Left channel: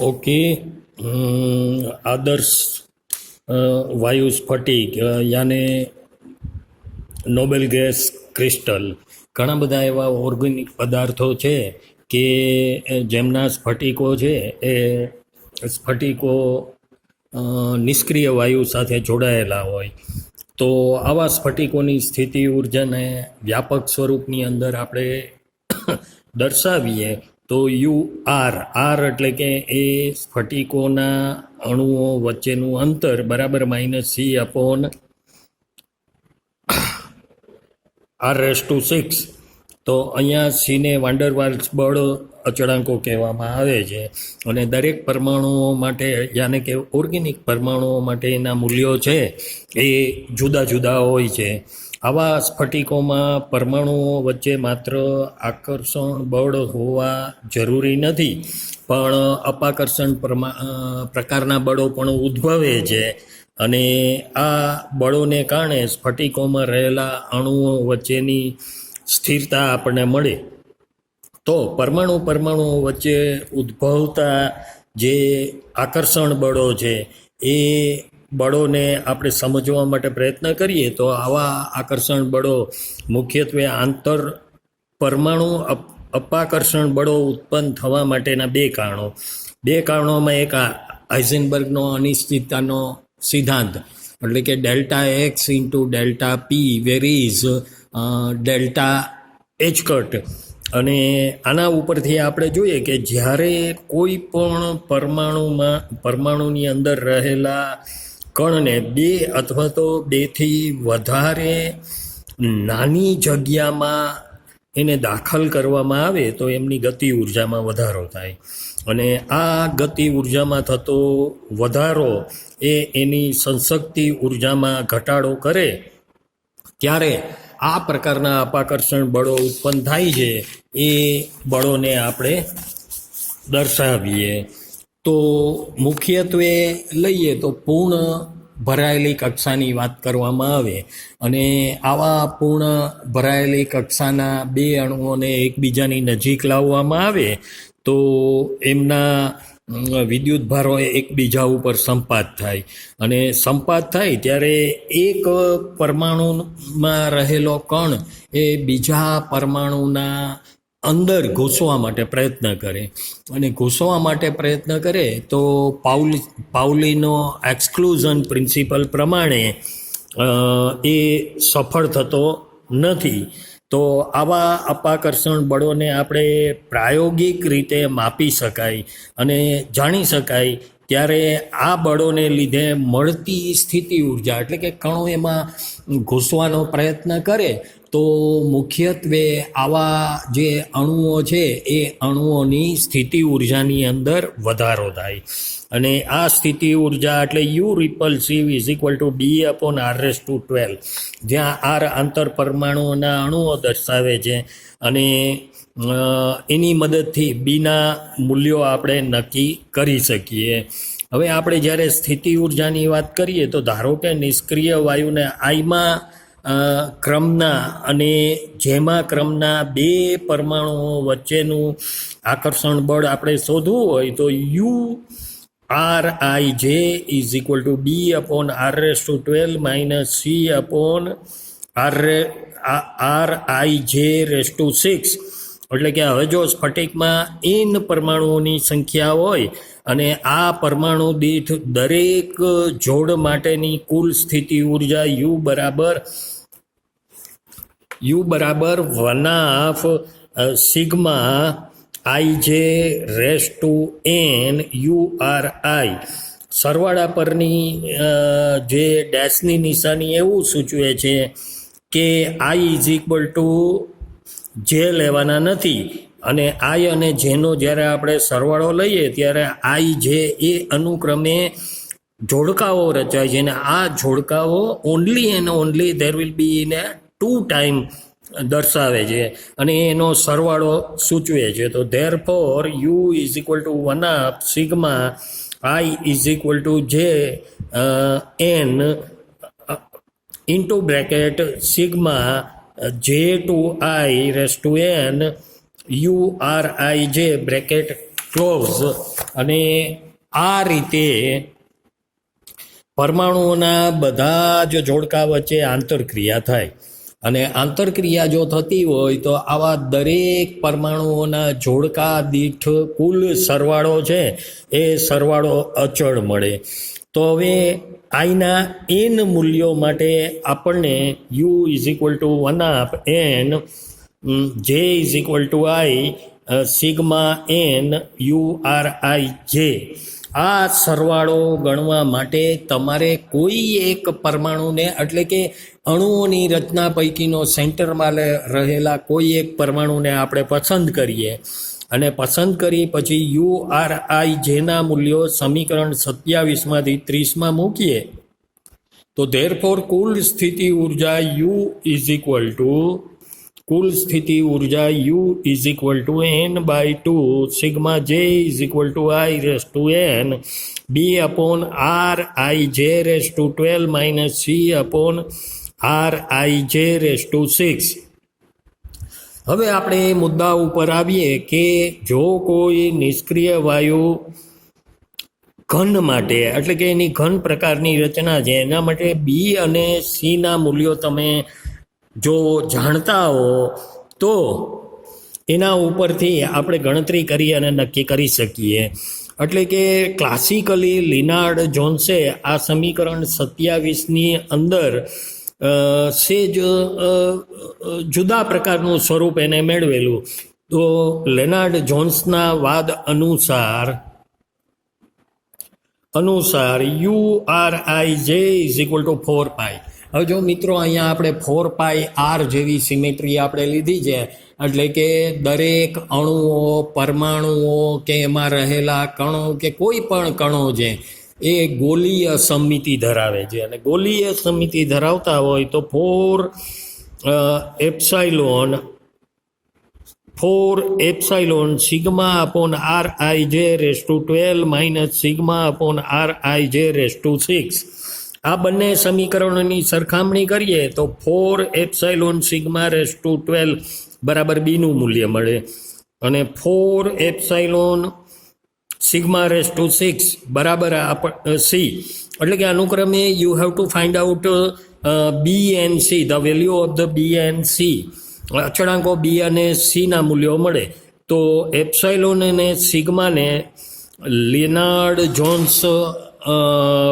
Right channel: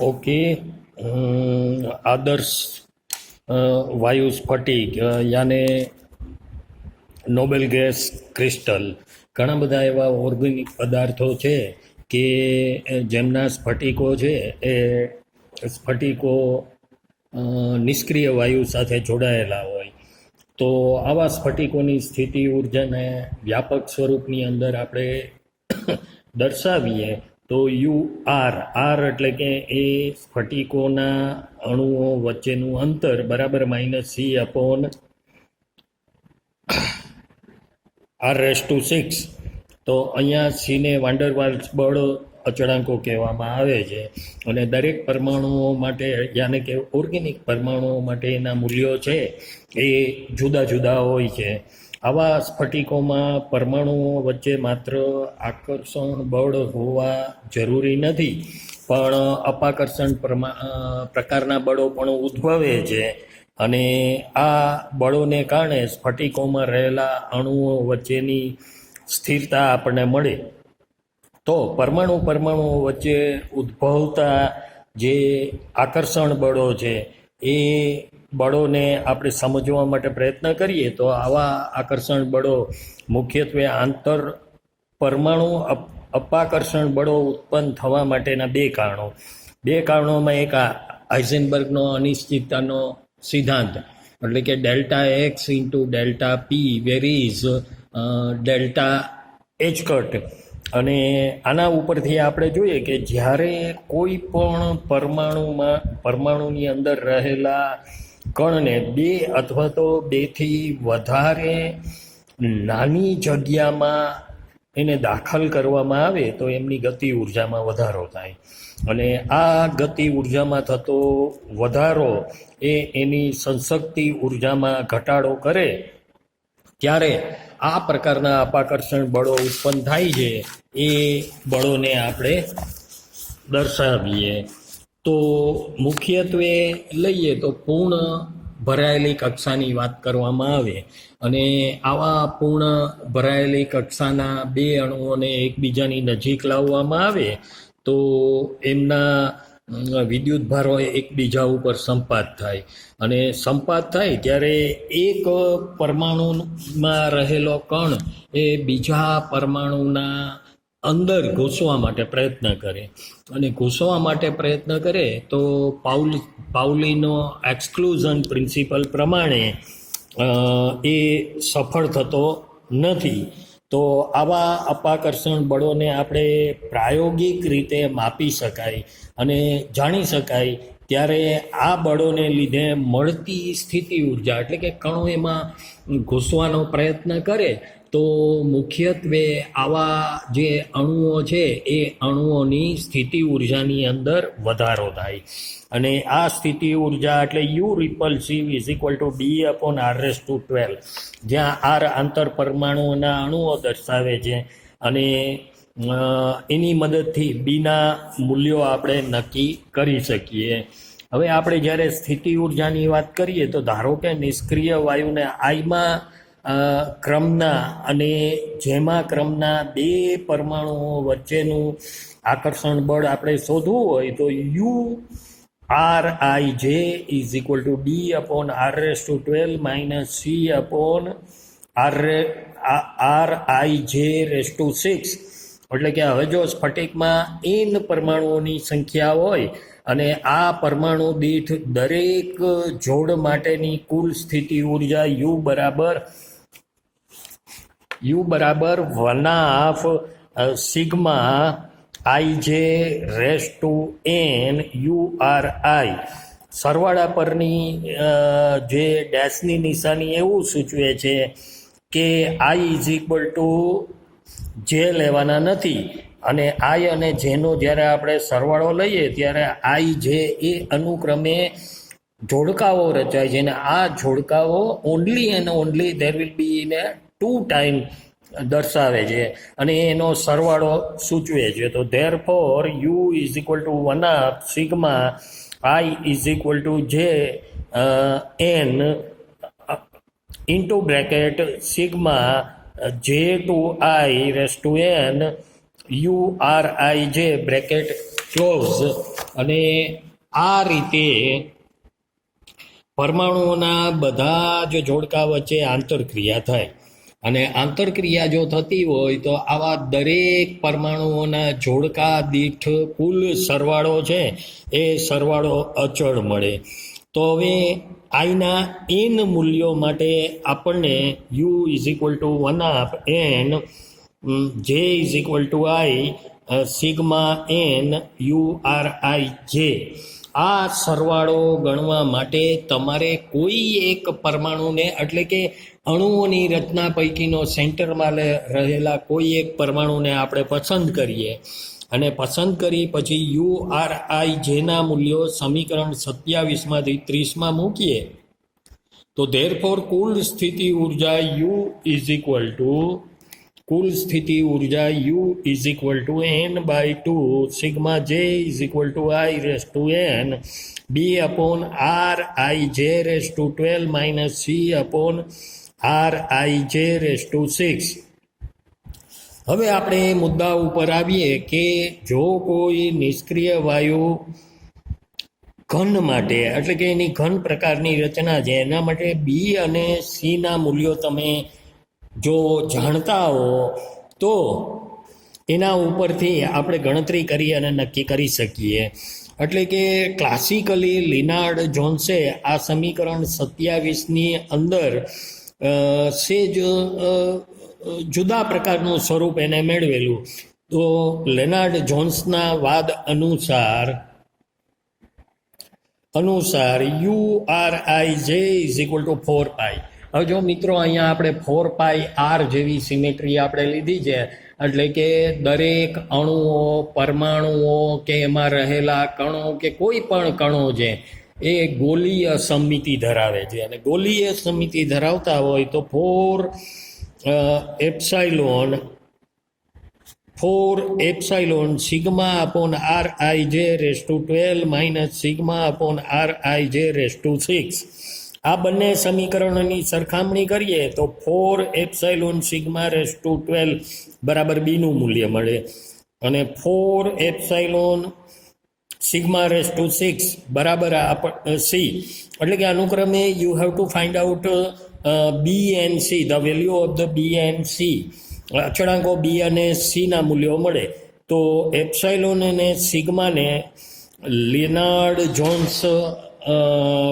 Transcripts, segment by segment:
Okay. आदर्श वायु स्फटिक याने નોબેલ ગેસ ક્રિસ્ટલ, ઘણા બધા એવા ઓર્ગેનિક પદાર્થો છે કે જેમના સ્ફટિકો છે એ સ્ફટિકો નિષ્ક્રિય વાયુ સાથે જોડાયેલા હોય. તો આવા સ્ફટિકોની સ્થિતિ ઉર્જાને વ્યાપક સ્વરૂપની અંદર આપણે દર્શાવીએ તો આર એટલે કે એ સ્ફટિકોના અણુઓ વચ્ચેનું અંતર બરાબર -c/r⁻⁶. તો અહીંયા સીને વાન્ડર વાલ્સ બળ અચળાંકો કહેવામાં આવે છે અને દરેક પરમાણુઓ માટે યાને કે ઓર્ગેનિક પરમાણુઓ માટે એના મૂલ્યો છે એ જુદા જુદા હોય છે. આવા સ્ફટિકોમાં પરમાણુઓ વચ્ચે માત્ર આકર્ષણ બળ હોવા જરૂરી નથી, પણ અપાકર્ષણ પ્રકારના બળો પણ ઉદ્ભવે છે અને આ બળોને કારણે સ્ફટિકોમાં રહેલા અણુઓ વચ્ચેની સ્થિરતા આપણને મળે. તો પરમાણુઓ વચ્ચે ઉદ્ભવતા જે આકર્ષણ બળો છે એ બળોને આપણે સમજવા માટે પ્રયત્ન કરીએ તો આવા આકર્ષણ બળો મુખ્યત્વે આંતર પરમાણુ અપાકર્ષણ બળો ઉત્પન્ન થવા માટેના બે કારણોમાં એક હાઇઝનબર્ગનો અનિશ્ચિતતાનો સિદ્ધાંત, એટલે કે ડેલ્ટા એક્સ ઇન્ટુ ડેલ્ટા પી વેરીઝ ડેલ્ટા એચ કટ. અને આના ઉપરથી આપણે જોઈએ કે જ્યારે કોઈ પણ પરમાણુની અંદર રહેલા કણને બે અથવા તો બેથી વધારે નાની જગ્યામાં એને દાખલ કરવામાં આવે તો એમની ગતિ ઉર્જામાં વધારો થાય અને આ ગતિ ઉર્જામાં થતો વધારો એ એની સંશક્તિ ઉર્જામાં ઘટાડો કરે ત્યારે આ પ્રકારના અપાકર્ષણ બળો ઉત્પન્ન થાય છે. એ બળોને આપણે દર્શાવીએ તો મુખ્યત્વે લઈએ તો પૂર્ણ ભરાયેલી કક્ષાની વાત કરવામાં આવે અને આવા પૂર્ણ ભરાયેલી કક્ષાના બે અણુઓને એકબીજાની નજીક લાવવામાં આવે તો એમના વિદ્યુત ભારો એકબીજા ઉપર સંપાત થાય અને સંપાત થાય ત્યારે એક પરમાણુમાં રહેલો કણ એ બીજા પરમાણુના અંદર ઘૂસવા માટે પ્રયત્ન કરે અને ઘૂસવા માટે પ્રયત્ન કરે તો પાઉલીનો એક્સક્લુઝન પ્રિન્સિપલ પ્રમાણે એ સફળ થતો નથી. તો આવા અપાકર્ષણ બળોને આપણે પ્રાયોગિક રીતે માપી શકાય અને જાણી શકાય ત્યારે આ બળોને લીધે મળતી સ્થિતિ ઉર્જા, એટલે કે કણો એમાં ઘૂસવાનો પ્રયત્ન કરે તો મુખ્યત્વે આવા જે અણુઓ છે એ અણુઓની સ્થિતિ ઉર્જાની અંદર વધારો થાય અને આ સ્થિતિ ઉર્જા એટલે યુ રિપલ્સિવ B/r⁻²2, જ્યાં આર આંતર પરમાણુઓના અણુઓ દર્શાવે છે અને એની મદદથી બીના મૂલ્યો આપણે નક્કી કરી શકીએ. હવે આપણે જ્યારે સ્થિતિ ઉર્જાની વાત કરીએ તો ધારો કે નિષ્ક્રિય વાયુને આઈમાં ક્રમના અને જેમાં ક્રમના બે પરમાણુઓ વચ્ચેનું આકર્ષણ બળ આપણે શોધવું હોય તો URIJ B/r⁻² C/r⁻⁶. એટલે કે હવે જો સ્ફટિકમાં n પરમાણુઓની સંખ્યા હોય અને આ પરમાણુ દીઠ દરેક જોડ માટેની કુલ સ્થિતિ ઉર્જા U1/σ_ij⁴n URI. સરવાળા પરની જે ડેશની નિશાની એવું સૂચવે છે કે I = j લેવાના નથી અને આઈ અને જેનો જ્યારે આપણે સરવાળો લઈએ ત્યારે આઈ જે એ અનુક્રમે જોડકાઓ રચાય છે અને આ જોડકાઓ only and only there will be in 2 time દર્શાવે છે અને એનો સરવાળો સૂચવે છે. તો therefore U = 1/σ_i j into bracket j2i⁴n URIJ bracket close. અને આ રીતે પરમાણુઓના બધા જ જોડકા વચ્ચે આંતરક્રિયા થાય. અને આંતરક્રિયા જો થતી હોય તો આવા દરેક પરમાણુઓના જોડકા દીઠ કુલ સરવાળો છે એ સરવાળો અચળ મળે. તો હવે આઈના એન મૂલ્યો માટે આપણને you is equal to 1/n જે is equal to I sigma N U R આઈ જે આ સરવાળો ગણવા માટે તમારે કોઈ એક પરમાણુને એટલે કે અણુઓની રચના પૈકીનો સેન્ટરમાં રહેલા કોઈ એક પરમાણુને આપણે પસંદ કરીએ અને પસંદ કરી પછી યુ આર આઈ જેના મૂલ્યો સમીકરણ 27માંથી 30માં મૂકીએ તો ધેરફોર કુલ સ્થિતિ ઉર્જા U is equal to n/2 sigma j is equal to i raise to n b upon r I j raise to 12 minus c upon r I j raise to 6. હવે આપણે એ મુદ્દા ઉપર આવીએ કે જો કોઈ નિષ્ક્રિય વાયુ ઘન માટે એટલે કે એની ઘન પ્રકારની રચના છે એના માટે બી અને સીના મૂલ્યો તમે જો જાણતા હો તો એના ઉપરથી આપણે ગણતરી કરી અને નક્કી કરી શકીએ. એટલે કે ક્લાસિકલી લિનાર્ડ જોન્સે આ સમીકરણ 27ની અંદર સેજ જુદા પ્રકારનું સ્વરૂપ એને મેળવેલું. તો લેનાર્ડ જોન્સના વાદ અનુસાર યુ આર આઈ જે ઇઝ ઇક્વલ ટુ 4π. હવે જો મિત્રો અહીંયા આપણે 4πr જેવી સિમેટ્રી આપણે લીધી છે એટલે કે દરેક અણુઓ પરમાણુઓ કે એમાં રહેલા કણો કે કોઈ પણ કણો છે એ ગોલીય સમમિતિ ધરાવે છે અને ગોલીય સમમિતિ ધરાવતા હોય તો 4 epsilon sigma upon r I j raise to 12 minus sigma upon r I j raise to 6. આ બંને સમીકરણોની સરખામણી કરીએ તો 4 એપ્સાઇલોન સિગ્મા રેસ ટુ 12 બરાબર બીનું મૂલ્ય મળે અને 4 એપ્સાઇલોન સિગ્મા રેસ ટુ 6 બરાબર સી. એટલે કે અનુક્રમે you have to find out b and c, the value of the b and c. અચળાંકો બી અને સીના મૂલ્યો મળે તો એપ્સાઇલોન અને સિગ્માને લિનાર્ડ જોન્સ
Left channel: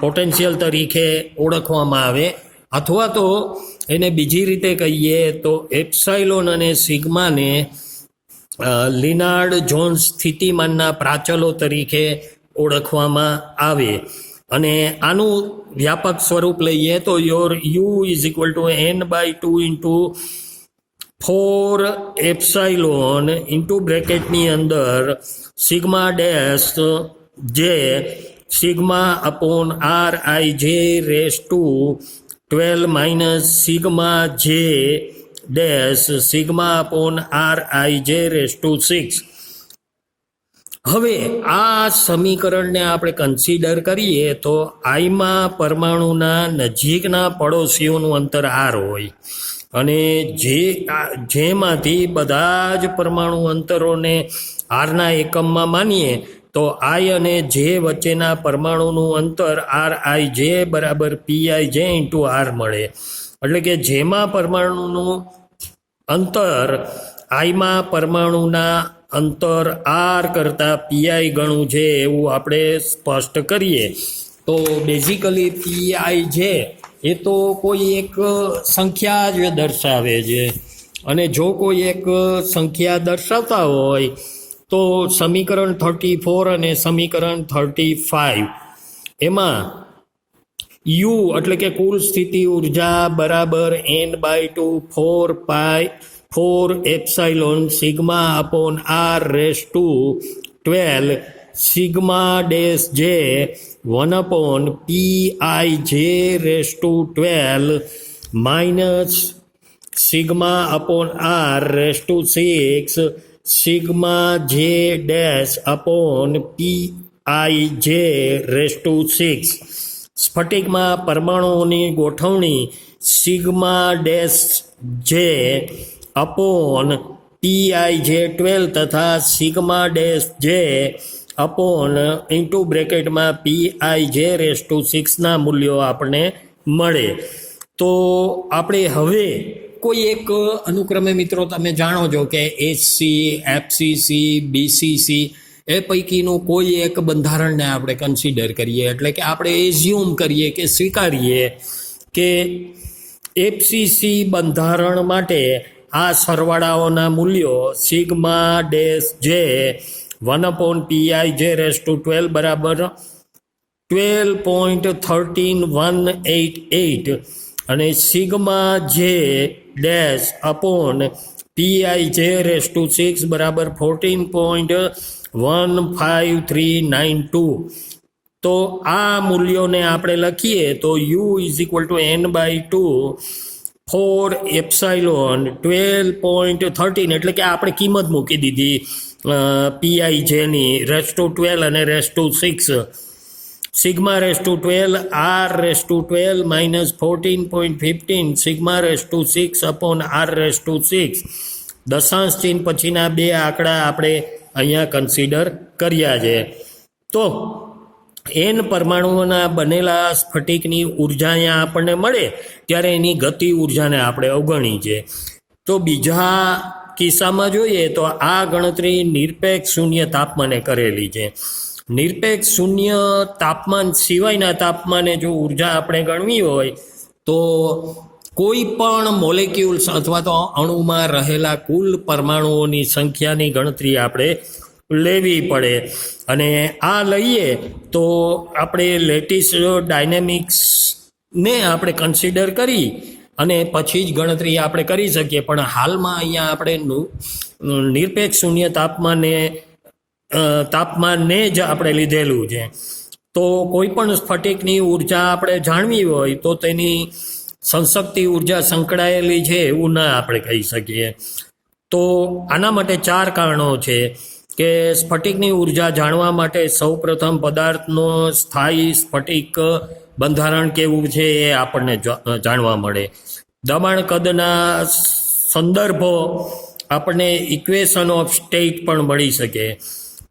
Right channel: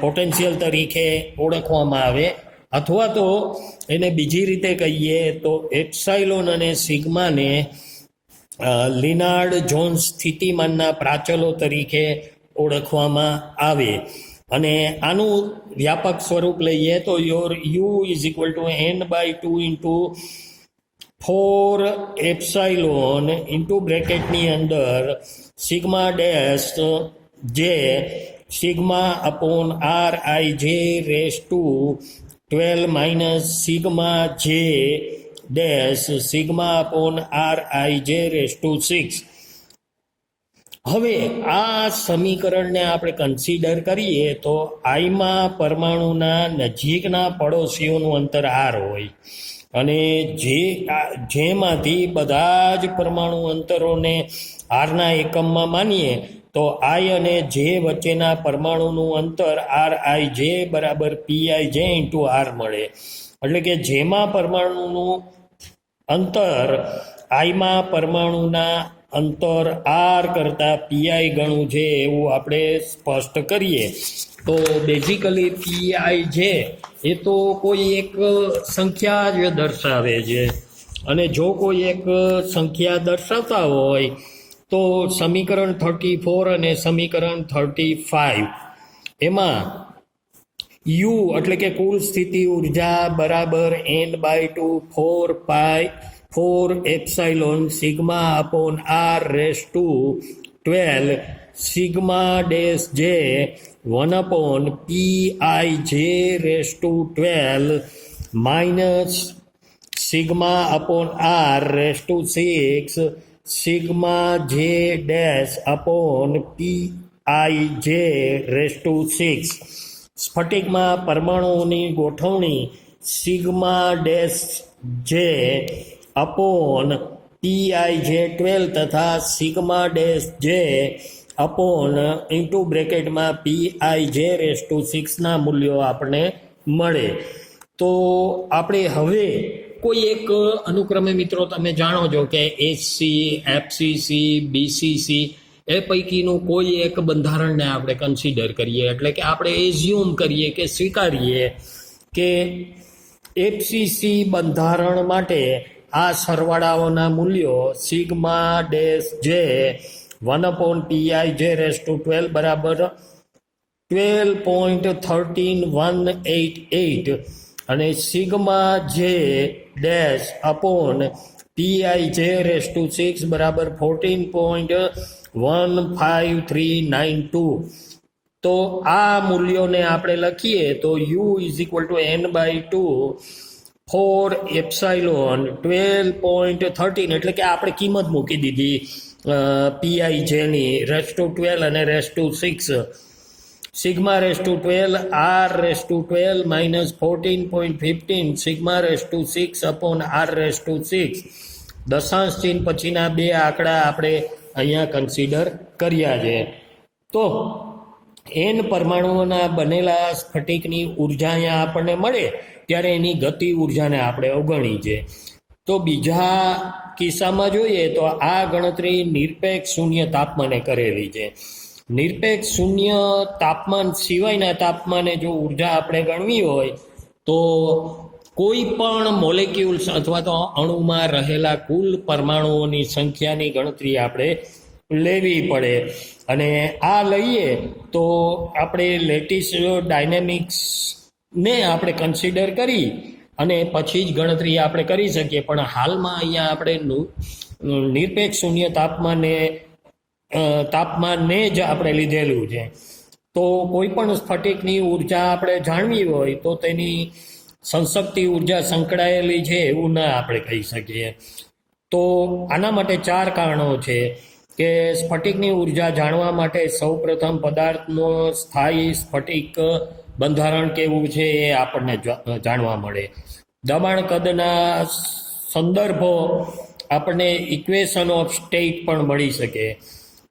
પોટેન્શિયલ તરીકે ઓળખવામાં આવે અથવા તો એને બીજી રીતે કહીએ તો એપ્સાઇલોન અને સિગ્માને લિનાર્ડ જોન્સ સ્થિતિમાનના પ્રાચલો તરીકે ઓળખવામાં આવે. અને આનું વ્યાપક સ્વરૂપ લઈએ તો U is equal to n/2 into 4 epsilon into બ્રેકેટની અંદર sigma dash j sigma upon r I j raise to 12 minus sigma j dash sigma upon r I j raise to 6. હવે આ સમીકરણને આપણે કન્સિડર કરીએ તો આઈમાં પરમાણુના નજીકના પડોશીઓનું અંતર આર હોય અને જેમાંથી બધા જ પરમાણુ અંતરોને આરના એકમમાં માનીએ તો આઈ અને જે વચ્ચેના પરમાણુનું અંતર આર આઈ જે બરાબર પીઆઈ જે ઇન્ટુ આર મળે. એટલે કે જેમાં પરમાણુનું અંતર આઈમાં પરમાણુના અંતર આર કરતાં પીઆઈ ગણું છે એવું આપણે સ્પષ્ટ કરીએ તો બેઝિકલી પીઆઈ જે એ તો કોઈ એક સંખ્યા જ દર્શાવે છે અને જો કોઈ એક સંખ્યા દર્શાવતા હોય તો સમીકરણ 34 અને સમીકરણ 35 એમાં યુ એટલે કે કુલ સ્થિતિ ઉર્જા બરાબર n/2 4 epsilon sigma upon r raise to 12 sigma dash j 1 upon p i j raise to 12 minus sigma upon r raise to 6 sigma j dash upon p i j raise to 6. સ્ફટિકમાં પરમાણુઓની ગોઠવણી sigma dash j upon PiJ12 તથા sigma dash j upon into બ્રેકેટમાં PiJ6ના મૂલ્યો આપણને મળે. તો આપણે હવે કોઈ એક અનુક્રમે મિત્રો તમે જાણો છો કે HC, FCC, BCC એ પૈકીનું કોઈ એક બંધારણને આપણે કન્સિડર કરીએ, એટલે કે આપણે એઝ્યુમ કરીએ કે સ્વીકારીએ કે FCC બંધારણ માટે આ સરવાળાઓના મૂલ્યો સિગ્મા ડેશ જે 1/PiJ12 બરાબર 12.13188 અને sigma j dash upon PiJ6 બરાબર 14.15392. તો આ મૂલ્યોને આપણે લખીએ તો U n/2 4 એપ્સાઇલોન 12.13, એટલે કે આપણે કિંમત મૂકી દીધી PiJની (12) અને (6). Sigma (12) R(12) minus 14.15 sigma (6) upon R(6). દશાંશ ચિહ્ન પછીના બે આંકડા આપણે અહીંયા કન્સિડર કર્યા છે. તો n પરમાણુઓના બનેલા સ્ફટિકની ઉર્જા અહીંયા આપણને મળે ત્યારે એની ગતિ ઉર્જાને આપણે અવગણી છે. તો બીજા કિસ્સામાં જોઈએ તો આ ગણતરી નિરપેક્ષ શૂન્ય તાપમાને કરેલી છે. નિરપેક્ષ શૂન્ય તાપમાન સિવાયના તાપમાને જો ઉર્જા આપણે ગણવી હોય તો કોઈ પણ મોલેક્યુલ્સ અથવા તો અણુમાં રહેલા કુલ પરમાણુઓની સંખ્યાની ગણતરી આપણે લેવી પડે. અને આ લઈએ તો આપણે લેટિસ ડાયનેમિક્સને આપણે કન્સિડર કરી અને પછી જ ગણતરી આપણે કરી શકીએ. પણ હાલમાં અહીંયા આપણે નિરપેક્ષ શૂન્ય તાપમાનને જ આપણે લીધેલું છે. તો કોઈ પણ સ્ફટિકની ઉર્જા આપણે જાણવી હોય તો તેની સંશક્તિ ઉર્જા સંકળાયેલી છે એવું ના આપણે કહી શકીએ. તો આના માટે 4 કારણો છે કે સ્ફટિકની ઉર્જા જાણવા માટે સૌપ્રથમ પદાર્થનો સ્થાયી સ્ફટિક બંધારણ કેવું છે એ આપણને જાણવા મળે. દબાણ કદના સંદર્ભો આપણને ઇક્વેશન ઓફ સ્ટેટ પણ મળી શકે.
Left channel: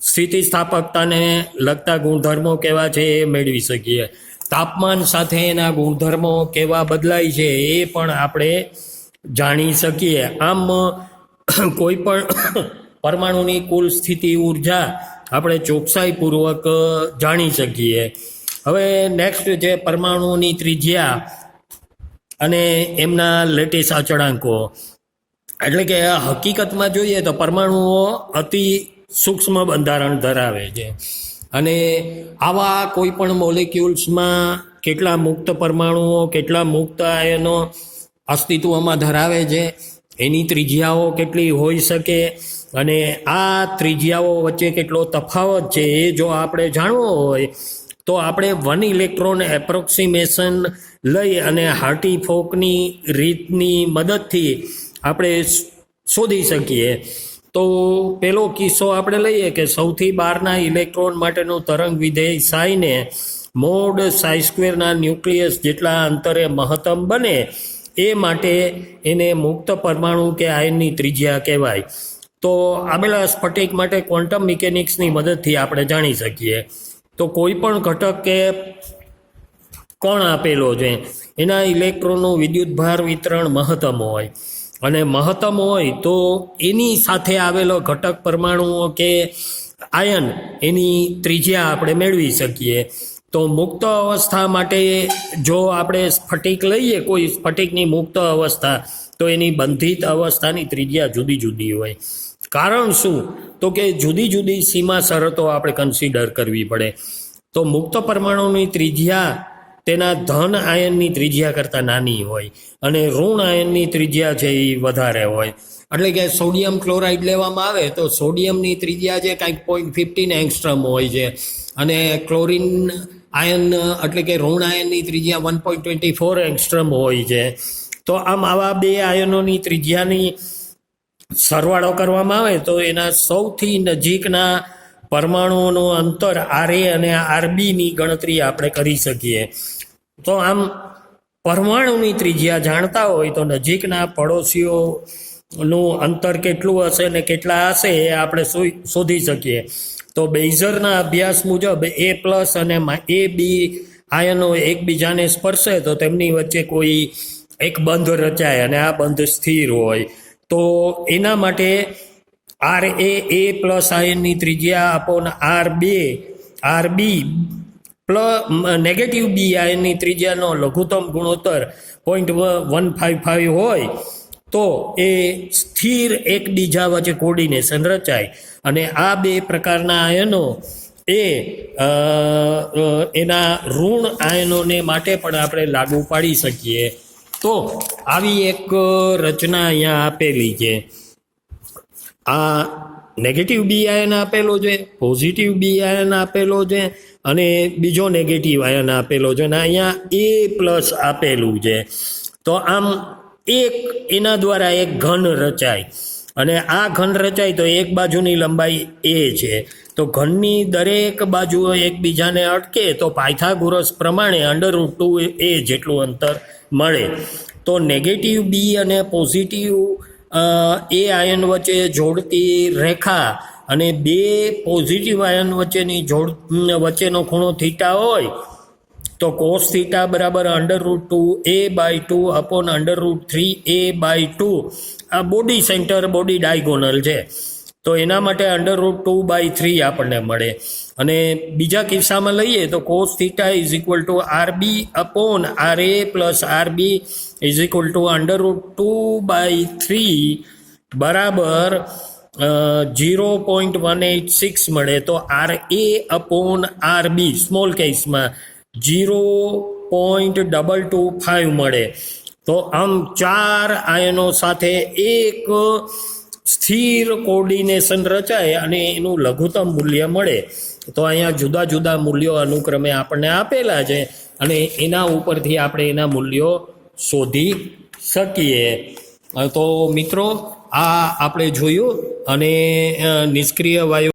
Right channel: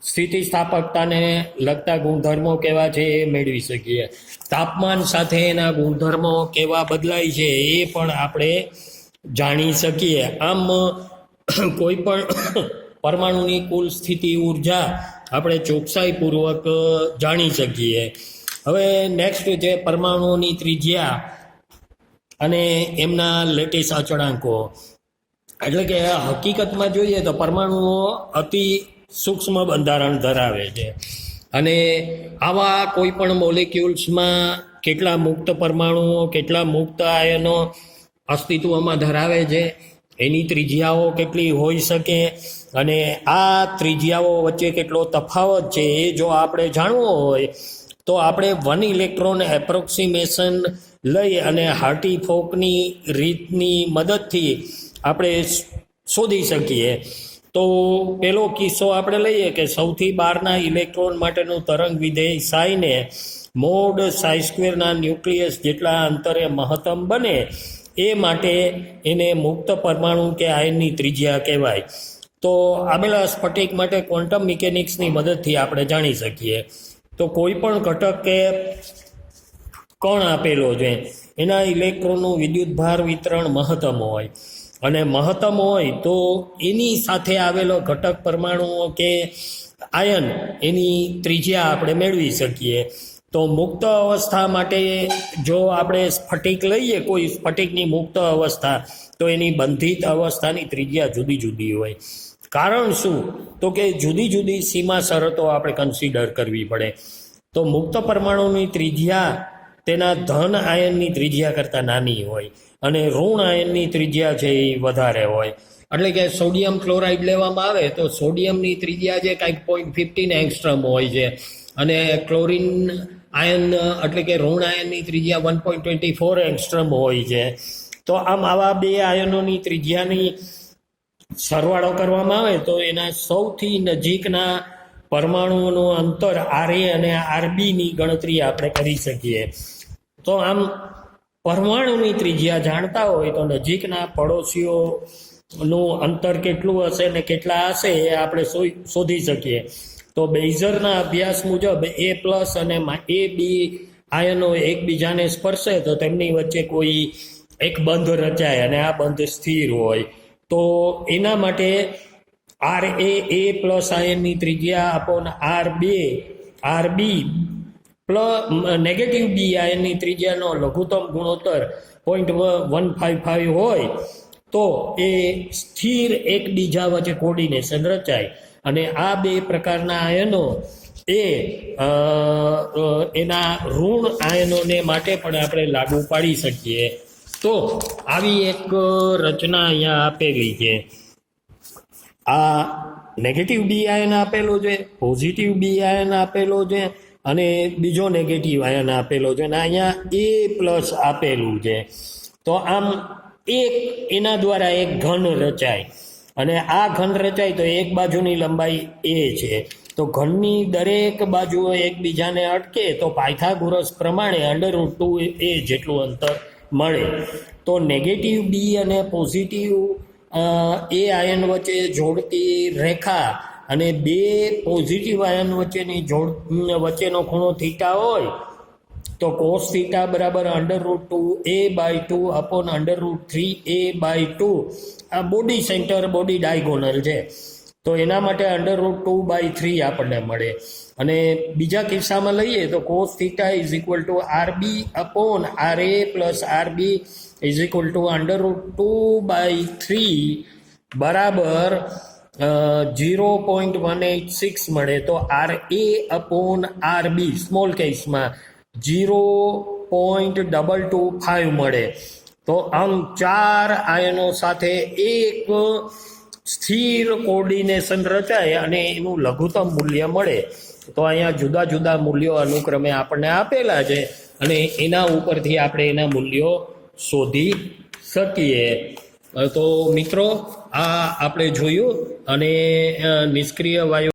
સ્થિતિસ્થાપકતાને લગતા ગુણધર્મો કેવા છે એ મેળવી શકીએ. તાપમાન સાથે એના ગુણધર્મો કેવા બદલાય છે એ પણ આપણે જાણી શકીએ. આમ કોઈ પણ પરમાણુની કુલ સ્થિતિ ઉર્જા આપણે ચોકસાઈપૂર્વક જાણી શકીએ. હવે નેક્સ્ટ છે પરમાણુઓની ત્રિજ્યા અને એમના લેટિસ અચળાંકો. એટલે કે હકીકતમાં જોઈએ તો પરમાણુઓ અતિ સૂક્ષ્મ બંધારણ ધરાવે છે અને આવા કોઈ પણ મોલેક્યુલ્સમાં કેટલા મુક્ત પરમાણુઓ, કેટલા મુક્ત આયનો અસ્તિત્વમાં ધરાવે છે, એની ત્રિજ્યાઓ કેટલી હોઈ શકે અને આ ત્રિજ્યાઓ વચ્ચે કેટલો તફાવત છે એ જો આપણે જાણવો હોય તો આપણે 1 ઇલેક્ટ્રોન એપ્રોક્સિમેશન લઈ અને હાર્ટી-ફોકની રીતની મદદથી આપણે શોધી શકીએ. તો પેલો કિસ્સો આપણે લઈએ કે સૌથી બહારના ઇલેક્ટ્રોન માટેનું તરંગ વિધેય સાઈને મોડ ψ² ન્યુક્લિયસ જેટલા અંતરે મહત્તમ બને એ માટે એને મુક્ત પરમાણુ કે આયનની ત્રિજ્યા કહેવાય. તો આવેલા સ્ફટિક માટે ક્વોન્ટમ મિકેનિક્સની મદદથી આપણે જાણી શકીએ. તો કોઈ પણ ઘટક કે કણ આપેલો છે એના ઇલેક્ટ્રોનનું વિદ્યુતભાર વિતરણ મહત્તમ હોય અને મહત્તમ હોય તો એની સાથે આવેલો ઘટક પરમાણુઓ કે આયન એની ત્રિજ્યા આપણે મેળવી શકીએ. તો મુક્ત અવસ્થા માટે જો આપણે સ્ફટિક લઈએ, કોઈ સ્ફટિકની મુક્ત અવસ્થા, તો એની બંધિત અવસ્થાની ત્રિજ્યા જુદી જુદી હોય. કારણ શું? તો કે જુદી જુદી સીમા શરતો આપણે કન્સિડર કરવી પડે. તો મુક્ત પરમાણુની ત્રિજ્યા તેના ધન આયનની ત્રિજ્યા કરતાં નાની હોય અને ઋણ આયનની ત્રિજ્યા છે એ વધારે હોય. એટલે કે સોડિયમ ક્લોરાઇડ લેવામાં આવે તો સોડિયમની ત્રિજ્યા છે કંઈક 0.15 એંગસ્ટ્રોમ હોય છે અને ક્લોરિન આયન એટલે કે ઋણ આયનની ત્રિજ્યા 1.24 એંગસ્ટ્રોમ હોય છે. તો આમ આવા બે આયનોની ત્રિજ્યાની સરવાળો કરવામાં આવે તો એના સૌથી નજીકના પરમાણુઓનું અંતર RA અને RBની ગણતરી આપણે કરી શકીએ. તો આમ પરમાણુની ત્રિજ્યા જાણતા હોય તો નજીકના પડોશીઓ નું અંતર કેટલું હશે ને કેટલા હશે એ આપણે શોધી શકીએ. તો બેઇઝરના અભ્યાસ મુજબ A+ અને AB આયનો એકબીજાને સ્પર્શે તો તેમની વચ્ચે કોઈ એક બંધ રચાય અને આ બંધ સ્થિર હોય. તો એના માટે RA+ આયનની ત્રિજ્યા અપોન RB નેગેટિવ B આયનની ત્રિજ્યાનો લઘુત્તમ ગુણોત્તર 0.155 હોય તો એ સ્થિર એકબીજા વચ્ચે કોર્ડિનેશન રચાય. અને આ બે પ્રકારના આયનો એ એના ઋણ આયનોને માટે પણ આપણે લાગુ પાડી શકીએ. તો આવી એક રચના અહીંયા આપેલી છે. આ નેગેટિવ બી આયન આપેલો છે, પોઝિટિવ બી આયન આપેલો છે અને બીજો નેગેટિવ આયન આપેલો છે અને અહીંયા A+ આપેલું છે. તો આમ એના દ્વારા એક ઘન રચાય અને આ ઘન રચાય તો એક બાજુની લંબાઈ A છે. તો ઘનની દરેક બાજુ એકબીજાને અટકે તો પાયથાગોરસ પ્રમાણે √2A જેટલું અંતર મળે. તો નેગેટિવ બી અને પોઝિટિવ એ આયન વચ્ચે જોડતી રેખા અને બે પોઝિટિવ આયન વચ્ચેનો ખૂણો થીટા હોય તો cos થીટા બરાબર √2A/2 અપોન √3A/2. આ બોડી સેન્ટર બોડી ડાયગોનલ છે તો એના માટે √2/3 આપણને મળે. અને બીજા કિસ્સામાં લઈએ તો cos theta RB upon RA plus RB √2/3 બરાબર 0.186 મળે. તો RA અપોન RB સ્મોલ કેસમાં 0.225 મળે. તો આમ ચાર આયનો સાથે એક સ્થિર કોર્ડિનેશન રચાય અને એનું લઘુત્તમ મૂલ્ય મળે. તો અહીંયા જુદા જુદા મૂલ્યો અનુક્રમે આપણને આપેલા છે અને એના ઉપરથી આપણે એના મૂલ્યો શોધી શકીએ. તો મિત્રો આ આપણે જોયું અને નિષ્ક્રિય વાયુ